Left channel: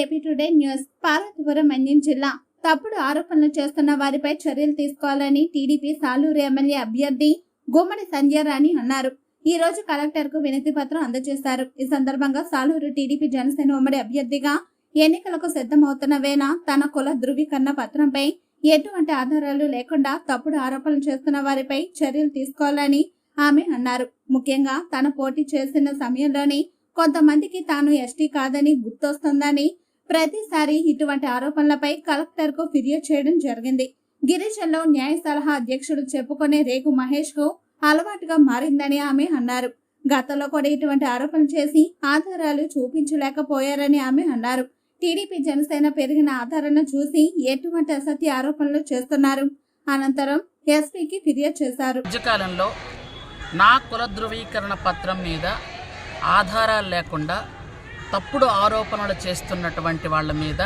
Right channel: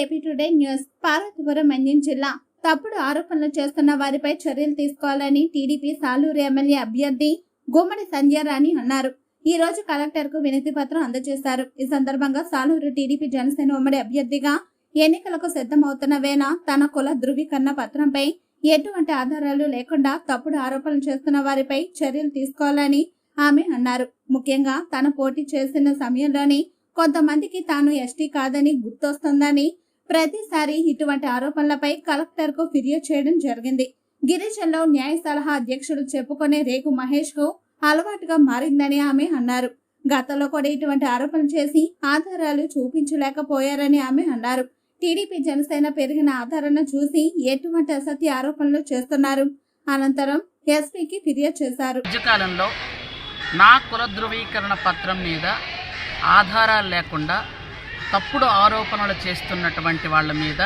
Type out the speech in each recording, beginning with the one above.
AP today news. Parvathipuram Manyam జిల్లా. తప్పుడు ఆరోపణలు చేస్తున్న వారిపై చర్యలు తీసుకోవాలని టీడీపీ సాలూరు ఎమ్మెల్యే అభ్యర్థి గుమ్మడి సంధ్యారాణి అన్నారు. ఈ రోజు కలెక్టర్కు వినతి పత్రం అందజేశారు. ఈ సందర్భంగా సాలూరు టీడీపీ జనసేన ఉమ్మడి అభ్యర్థిగా ఎన్నికలకు సిద్ధమవుతున్న వేళ తన కుల ధృవీకరణ పత్రంపై ఎటువంటి ఆధారాలు లేకుండా తప్పుడు ఆరోపణలు చేస్తున్న వారిపై చర్యలు తీసుకోవాలని ఆమె అన్నారు. ముఖ్యంగా తన పోటీ చేసిన సమయంలోని కొంతమందికి తాను ఎస్టీ కాదని గుర్తొస్తుందని ప్రతిసారి ఇటువంటి ఆరోపణలపై కలెక్టర్కు ఫిర్యాదు చేయడం జరిగింది. గిరిజనలో న్యాయ సలహా అధ్యక్షుడు చెప్పుకునే రేగు మహేష్కు అలవాటుగా మారిందని ఆమె అన్నారు. గతంలో కూడా ఇటువంటి ఆరోపణలు చేసి ఆధారాలు చూపించలేకపోయారని ఆమె అన్నారు. టీడీపీ జనసేన పెరిగిన ఆధారణ చూసి ఎటువంటి అసత్య ఆరోపణలు చేస్తున్నారు? అనంతరం ఎస్పీకి ఫిర్యాదు చేశారు. నా కుల ధృవీకరణ పత్రం మీద ఆధారాలు లేకుండా తప్పుడు ఆరోపణలు చేస్తున్నటువంటి వాళ్ళ మీద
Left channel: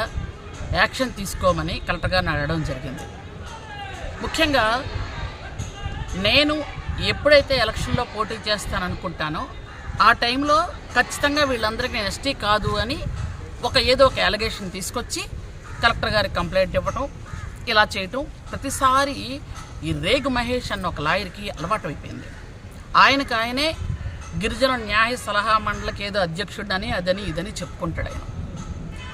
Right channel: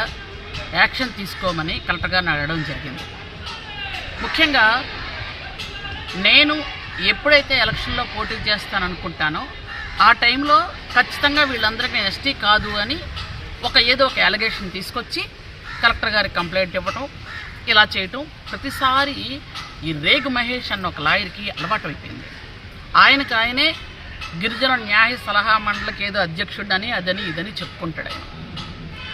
యాక్షన్ తీసుకోమని కలెక్టర్ గారిని అడగడం జరిగింది. ముఖ్యంగా నేను ఎప్పుడైతే ఎలక్షన్లో పోటీ చేస్తాననుకుంటానో ఆ టైంలో ఖచ్చితంగా వీళ్ళందరికీ ఎస్టీ కాదు అని ఒక ఏదో ఒక ఎలిగేషన్ తీసుకొచ్చి కలెక్టర్ గారికి కంప్లైంట్ ఇవ్వటం ఇలా చేయటం ప్రతిసారి ఈ రేగు మహేష్ అన్న ఒక లాయర్కి అలవాటు అయిపోయింది. ఆయనకు ఆయనే గిరిజన న్యాయ సలహా మండలికి ఏదో అధ్యక్షుడని అదని ఇదని చెప్పుకుంటాడు ఆయన.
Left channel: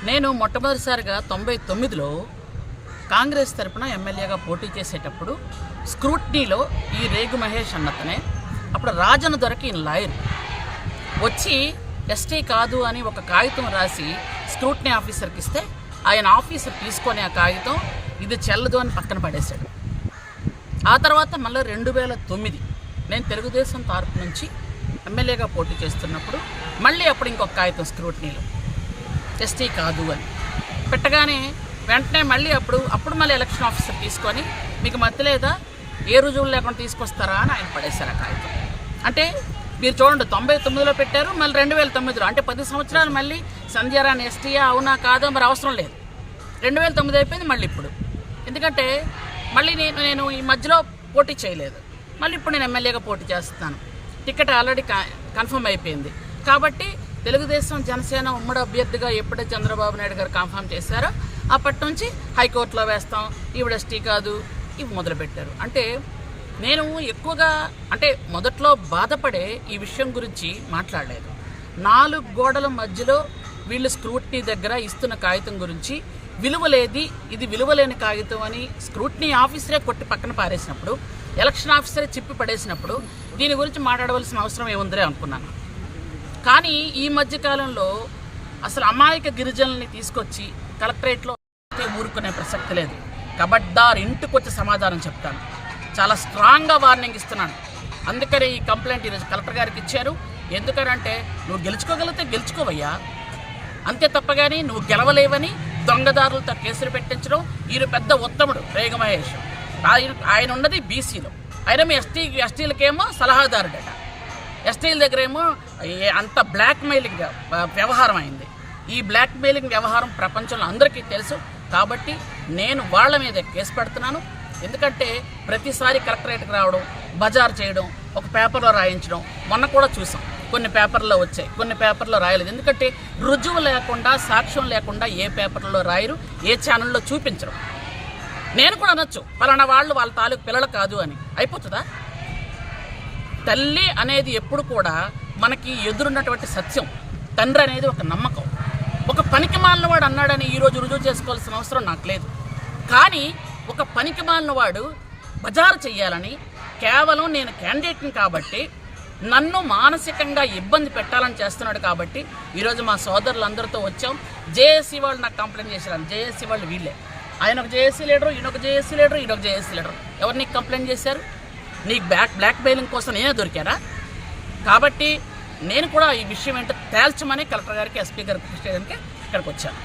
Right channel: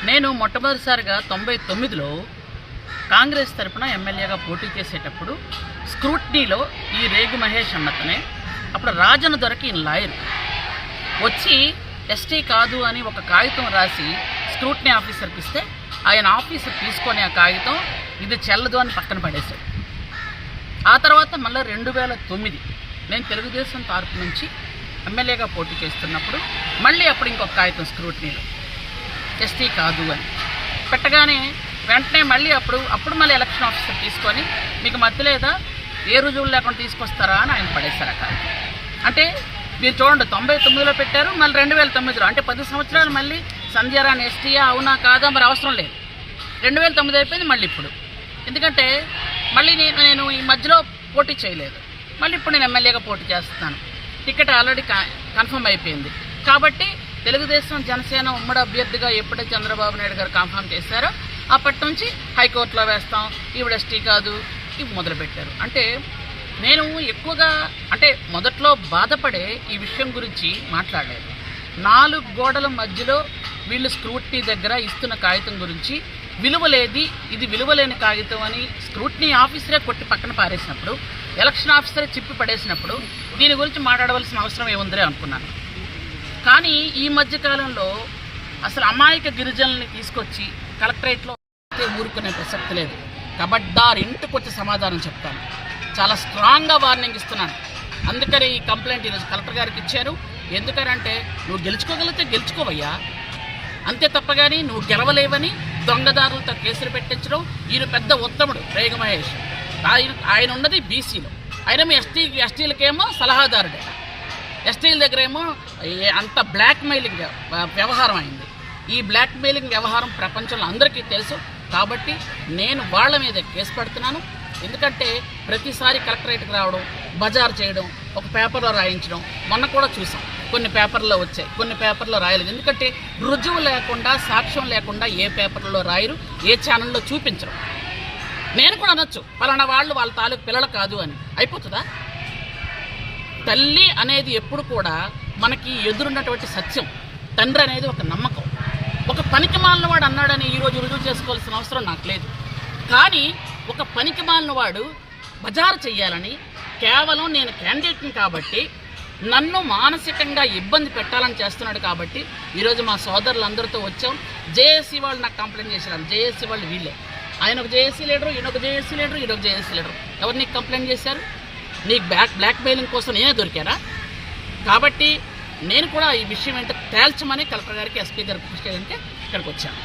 నేను మొట్టమొదటిసారిగా తొంభై తొమ్మిదిలో కాంగ్రెస్ తరపున ఎమ్మెల్యేగా పోటీ చేసేటప్పుడు స్క్రూట్నీలో ఈ రేగు మహేష్ అన్నతనే అప్పుడు రాజన దొరకి ఈయన లాయర్. వచ్చి ఎస్టీ కాదు అని ఒక కాగితం రాసి స్క్రూట్నీ ఆఫీసర్కి ఇస్తే ఆయన ఆఫీసర్ తీసుకొని ఆ కాగితం ఇది చెల్లదు అని పక్కన పడేశాడు. ఆ తర్వాత మళ్ళీ రెండు వేల తొమ్మిది నేను తెలుగుదేశం తరపు నుంచి ఎమ్మెల్యేగా పోటీ చేస్తున్నప్పుడు మళ్ళీ అప్పుడు ఇంకొక కాగితం స్క్రూట్నీలో ఎస్టీ కాదు అని. పెట్టగానే వెంటనే మళ్ళీ అప్పుడు అప్పుడు మళ్ళీ ఎలక్షన్ ఆఫీసర్ తీసుకొని మీకు మధ్య లేదా? ఏ రుజువులు లేకుండా తీసుకొస్తారా? అని ఆయన పడేశారు ఆ కాగితం. అంటే మీరు చూడండి తొంభై తొమ్మిదిలో పెట్టారు మళ్ళీ రెండు వేల తొమ్మిదిలో. అంటే పది సంవత్సరాలు మళ్ళీ సంధ్యారాణి ఎస్టీయా అవునా కాదా మరి అవసరం లేదు. రెండు వేల తొమ్మిది అయిపోయింది మళ్ళీ ఇప్పుడు. ఎందుకంటే మళ్ళీ నేను నేను ఈ మధ్యలో పోటీ చేయలేదు. మళ్ళీ ఇప్పుడు నేను ఎమ్మెల్యేగా పోటీ చేస్తున్నాను. టికెట్ ఆల్రెడీ కన్ఫర్మ్ అయిపోయింది. కాబట్టి తెలుగుదేశం జనసేన ఉమ్మడి అభ్యర్థిగా ఎప్పుడైతే చంద్రబాబు నాయుడు గారు కన్ఫర్మ్ చేశారో అప్పటి నుంచి హైకోర్టులో వేస్తాం. ఈవిడ ఎస్టీ కాదు. ఇవి మొదలుపెట్టారు. అంటే నేను ఎక్కువగా అంటే మొదట్లో బాధపడే ఈ విషయం గురించి మాట్లాడలేదు. నాలుగు గోడల మధ్యలో వీళ్ళు స్క్రూట్నీ దగ్గర ఇస్తున్న కాగితం గురించి విలువలేది ఇది విలువలేని కాగితం అని స్క్రూట్నీ ఆఫీసరే కొట్టి పక్కన పారేసినప్పుడు ఎలక్షన్ ఆఫీసరే చిప్పి పడేసినప్పుడు దీని గురించి మాట్లాడవలసిన అవసరం ఏముందిలే అనుకున్నాను. కానీ ఈ మధ్యకాలంలో అసలు అమాయక గిరిజనుల్ని తీసుకొచ్చి కలెక్టరేట్లో ఊరుకునే ప్రసక్తి లేదు. కబడ్డార్ ఇంటికి వచ్చి సమాధానం చెప్తాను. చాలా స్ట్రాంగ్గా వార్నింగ్ ఇస్తున్నాను. అందుకని ఈ కంప్లైంట్ ఈరోజు కలెక్టర్ గారికి ఇచ్చారు. ఎందుకనంటే నువ్వు గెలుచుకోగలిగితే గెలుచుకోవయ్యా. అంతే తప్ప కానీ నువ్వు గెలవలేవని దొంగదారులతో కేసులు పెట్టించడం ఈయన పెద్ద ఉత్తముడు రేగ మహేష్. ఆయన ఆయన ఉన్నది బీసీలో. ఆయన ఎస్టీ ఎస్టీలకేమో సలహాదారుడట ఎస్టీల దగ్గర ఏమో అంత బ్లాక్ మెయిలింగ్ వ్యవహారం అయింది. ఈ బ్లాక్ మెయిలింగ్ వ్యవహారం ప్రపంచంలో అందరికీ తెలుసు. కాబట్టి నేను వాళ్ళ మీద కేసు పెడుతున్నాను. ఎందుకంటే ప్రతిసారి కలెక్టరేట్కి రావడం బజార్ చేయడం ఒక పేపర్లో రాయించడం మొన్న కూడా చూసాం. కొన్ని పేపర్లో వచ్చాయి. కొన్ని పేపర్లో రాయలేదు. ఎందుకంటే రుజువు లేకుండా సాక్ష్యం లేకుండా ఏ పేపర్లో రాయరు ఏ ఛానల్లో చూపించరు. నేను కూడా అనొచ్చు. పలానా వాళ్ళు వాళ్ళ తాలూకు పిల్లలు కాదు అని. అయిపోతుందా? తల్లి అనేది ఎప్పుడు కూడా మనకి ఎదురున్నటువంటి సత్యం. తండ్రి అనేది ఒక నమ్మకం. ఒక పనికి వాడు అన్నాడని ఈరోజు రుజువు చేసుకోవాల్సిన అవసరం నాకు లేదు. కానీ ఒక పనికి వాడు బజారు చెయ్యాలని కేవలం నేను క్యాండిడేట్ని కాబట్టి నన్ను మానసికంగా ఇబ్బంది పెట్టాలని చేస్తున్నాడు కాబట్టి ఈరోజు మా సోదరులందరితో వచ్చాం. జేఏసీ వాళ్ళు నాకు కంప్లైంట్ చేశారు. జేఏసీ వాళ్ళు వీళ్ళే. ఆయన ఒక జేఏసీ లీడరు ఈయన ఒక జేఏసీ లీడరు ఈయన ఒక జేఏసీ లీడరు. ఎవరు నీకు కంప్లైంట్ చేశారు? నీకు బ్లాక్ బ్లాక్ మెయిలింగ్ కోసం నేనే దొరికారా కాబట్టి నేను కూడా ఈ విషయం ఏంటో తేల్చమని కలెక్టర్ గారికి ఎస్పీ గారికి ఇక్కడికి వచ్చాను.